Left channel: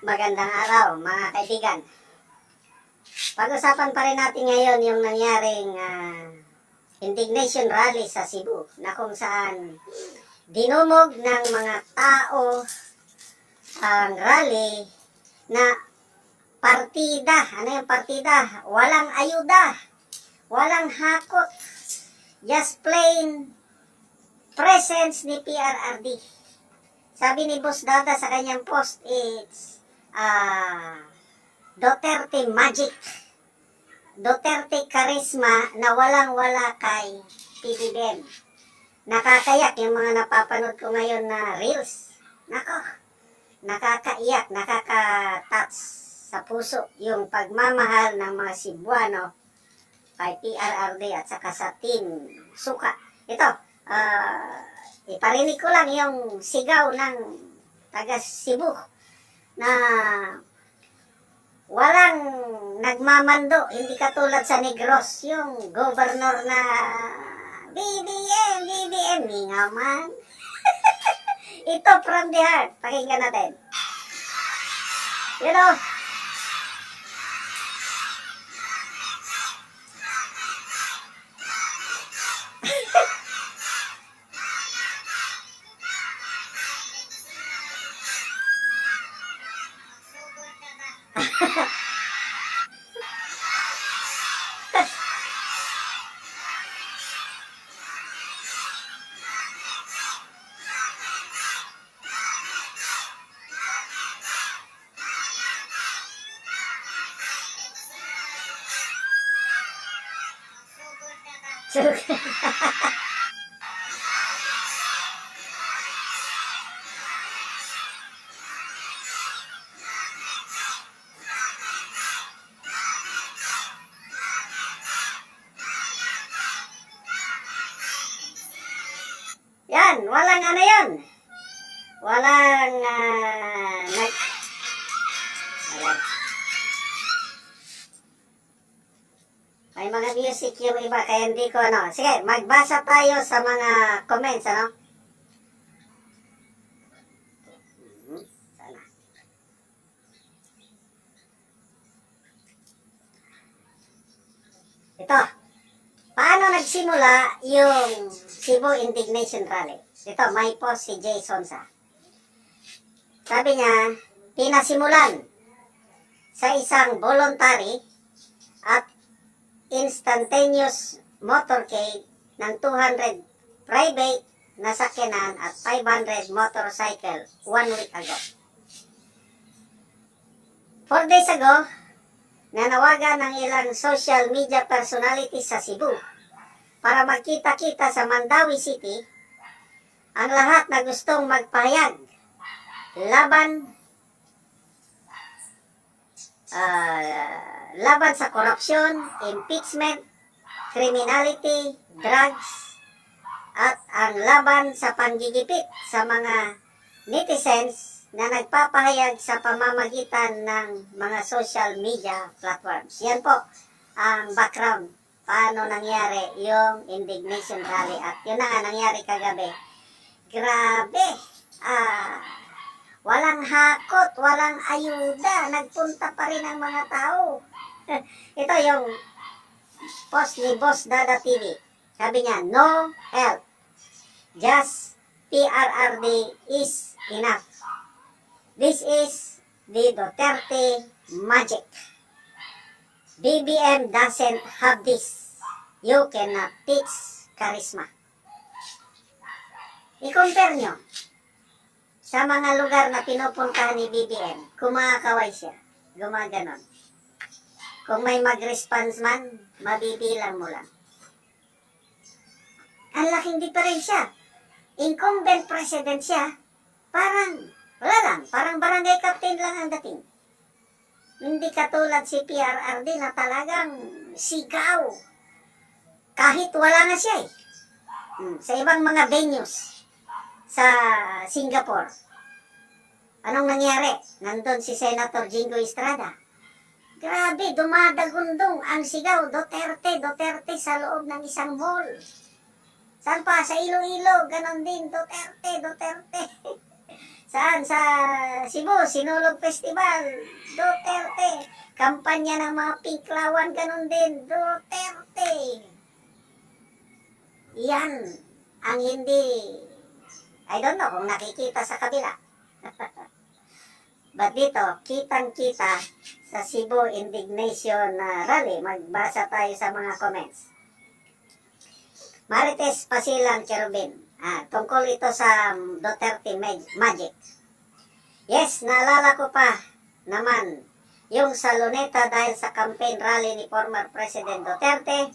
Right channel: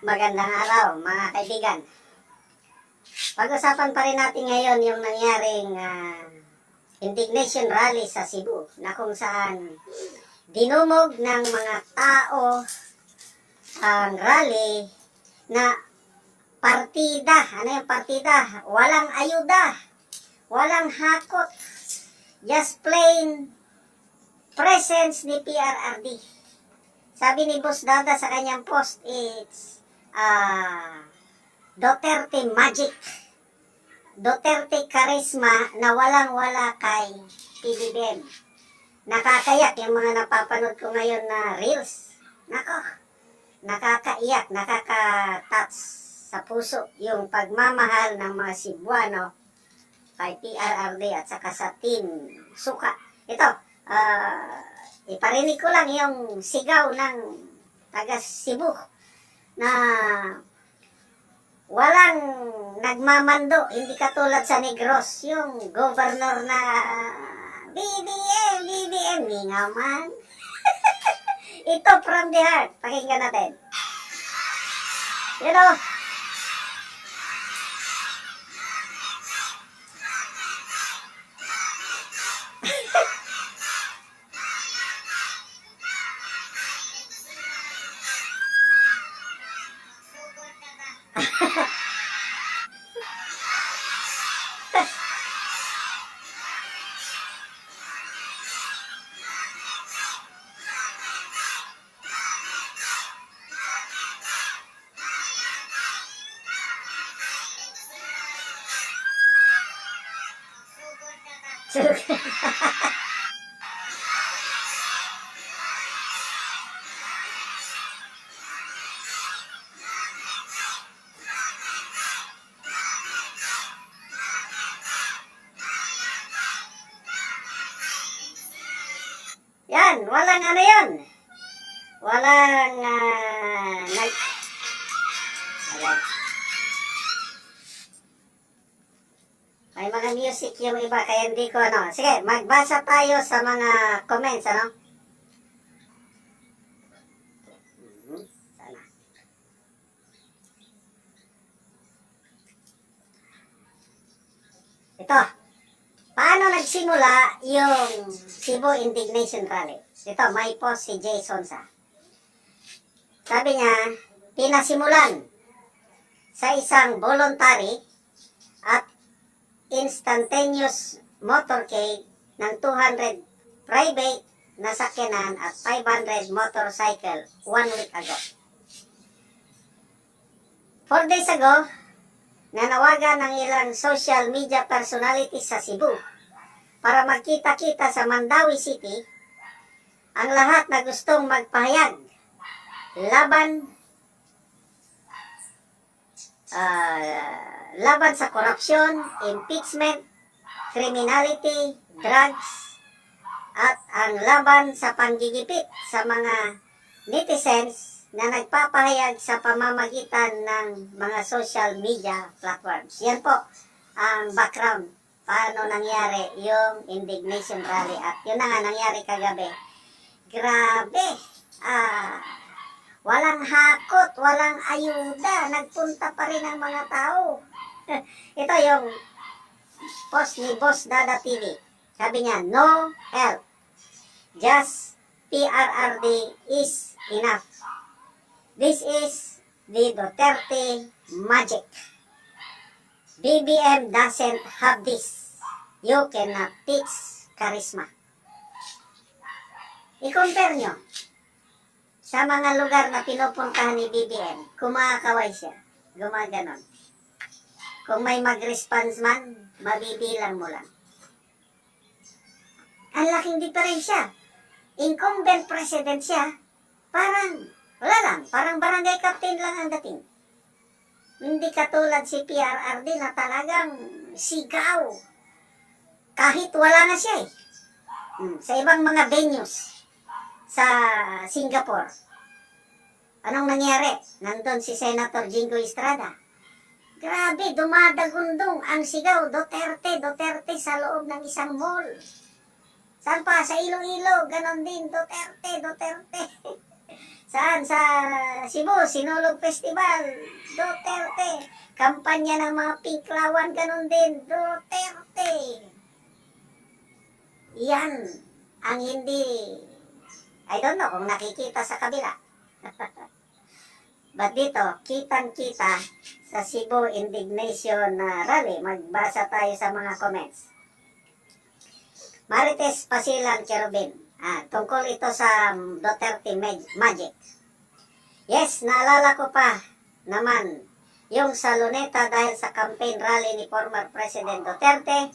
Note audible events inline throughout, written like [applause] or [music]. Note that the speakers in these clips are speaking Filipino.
Magandang araw mga kaibigan. Pag-usapan pa rin natin ngayon yung nangyaring ah, indignation rally sa Cebu na kung saan dinumog ng mga tao ang rally na partida. Ano yung partida? Walang ayuda. Walang hakot. Just plain presence ni PRRD. Sabi ni Boss Dada sa kanyang post, it's ah Duterte magic. Duterte charisma na walang-wala kay PBBM. Nakakayak yung mga napapanood ko ngayon na reels. Nako, nakakaiyak, nakaka-touch sa puso yung pagmamahal ng mga Cebuano kay PRRD at saka sa Team Suka. Ito, ah, iparinig ko lang yung sigaw ng taga Cebu na walang nagmamando, hindi katulad sa Negros, yung governor na BBM, BBM, nga man. [laughs] Ito from the heart, pakinggan natin. You know, ちょっと。Yan, walang ano yan. Walang ah, nag... Wala. May mga music yung iba, kaya hindi ko ano. Sige, magbasa tayo sa mga comments, ano? Mhm. Ito. Paano nagsimula yung Cebu Indignation Rally? Ito, may post si Jason sa. Sabi niya, pinasimulan sa isang voluntary at instantaneous motorcade ng 200 private na sakyanan at 500 motorcycle one week ago. Four days ago, nanawagan ng ilang social media personalities sa Cebu para magkita-kita sa Mandawi City ang lahat na gustong magpahayag laban ah, laban sa korupsyon, impeachment, criminality, drugs, at ang laban sa panggigipit sa mga netizens na nagpapahayag sa pamamagitan ng mga social media platforms. Yan po ang background paano nangyari yung indignation rally at yun na nga nangyari kagabi. Grabe! Ah, walang hakot, walang ayuda, nagpunta pa rin ang mga tao. [laughs] Ito yung post ni Boss Dada TV. Sabi niya, no help. Just PRRD is enough. This is the Duterte magic. BBM doesn't have this. You cannot teach charisma. I-compare nyo sa mga lugar na pinupuntahan ni BBM, kumakaway siya, gumaganon. Kung may mag-response man, mabibilang mo lang. Ang laking diferensya. Incumbent president siya, parang, wala lang, parang barangay captain lang ang dating. Hindi katulad si PRRD na talagang sigaw. Kahit wala na siya eh. Hmm, Sa ibang mga venues sa Singapore. Anong nangyari? Nandun si Senator Jingo Estrada. Grabe, dumadagundong ang sigaw, Duterte, Duterte sa loob ng isang mall. Saan pa? Sa Iloilo, ganon din, Duterte, Duterte. [laughs] Saan? Sa Cebu, Sinulog Festival. Duterte. Kampanya ng mga pinklawan, ganun din. Duterte. Yan ang hindi, I don't know kung nakikita sa kabila. [laughs] But dito, kitang-kita sa Cebu Indignation na rally. Magbasa tayo sa mga comments. Marites Pasilang Cherubin. Ah, tungkol ito sa Duterte Mag- Magic. Yes, naalala ko pa naman yung sa Luneta dahil sa campaign rally ni former President Duterte.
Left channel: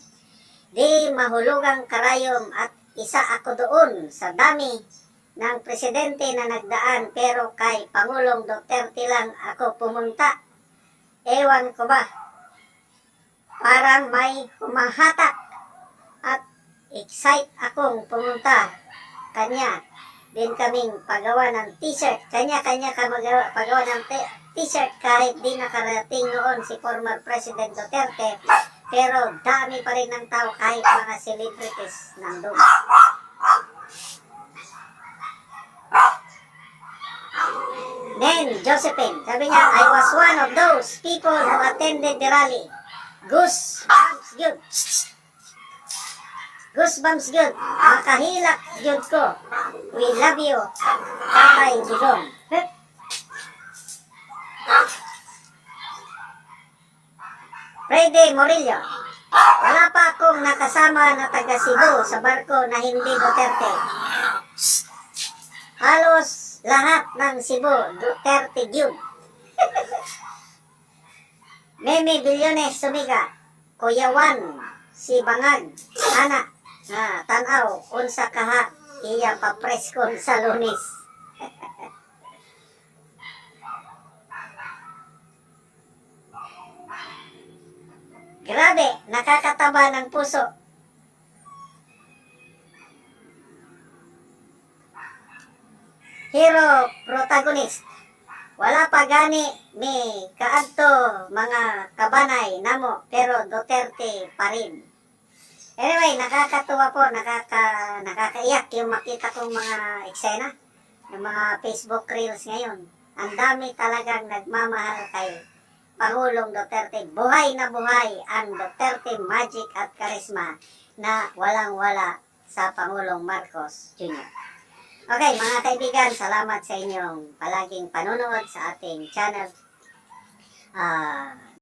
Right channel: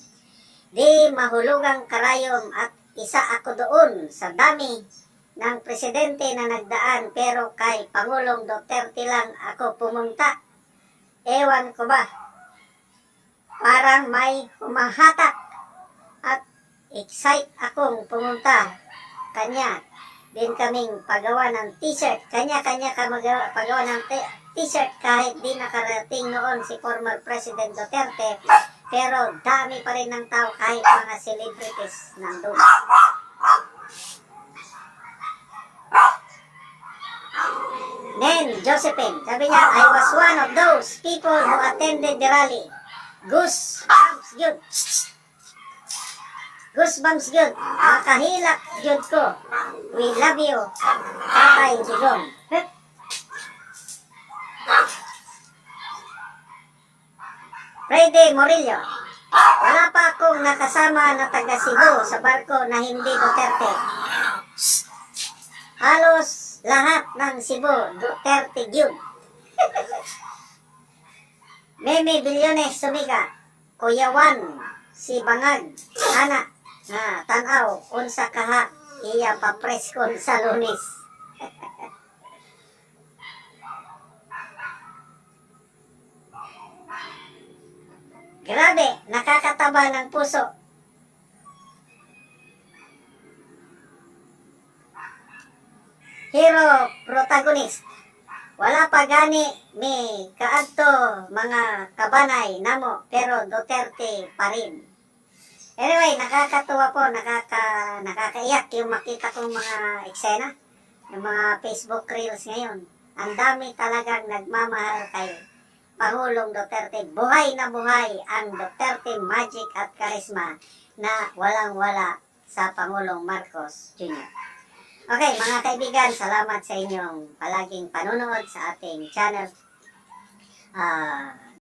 Di mahulugang karayom at isa ako doon sa dami ng presidente na nagdaan pero kay Pangulong Duterte lang ako pumunta. Ewan ko ba, parang may humahatak at excite akong pumunta kanya. Din kaming pagawa ng t-shirt. Kanya-kanya ka magawa, ng t-shirt kahit di nakarating noon si former President Duterte. Pero dami pa rin ng tao kahit mga celebrities nandun. Then, Josephine, sabi niya, I was one of those people who attended the rally. Goosebumps yun. Goosebumps yun. Makahilak yun ko. We love you. Tatay Digong. Friday Morillo. Wala pa akong nakasama na taga Cebu sa barko na hindi Duterte. Halos lahat ng Cebu, Duterte yun. [laughs] Meme Bilyones Sumiga, Kuya Juan, si Bangag, Ana, na tanaw, unsa kaha, iya papreskon sa lunes. [laughs] Grabe, nakakataba ng puso. Hero protagonist. Wala pa gani mi kaadto mga kabanay namo pero Duterte pa rin. Anyway, nakakatuwa po, nakaka, nakakaiyak yung makita kong mga eksena, yung mga Facebook Reels ngayon. Ang dami talagang nagmamahal kay Pangulong Duterte. Buhay na buhay ang Duterte magic at karisma na walang-wala sa Pangulong Marcos Jr. Okay, mga kaibigan, salamat sa inyong palaging panonood sa ating channel. Ah,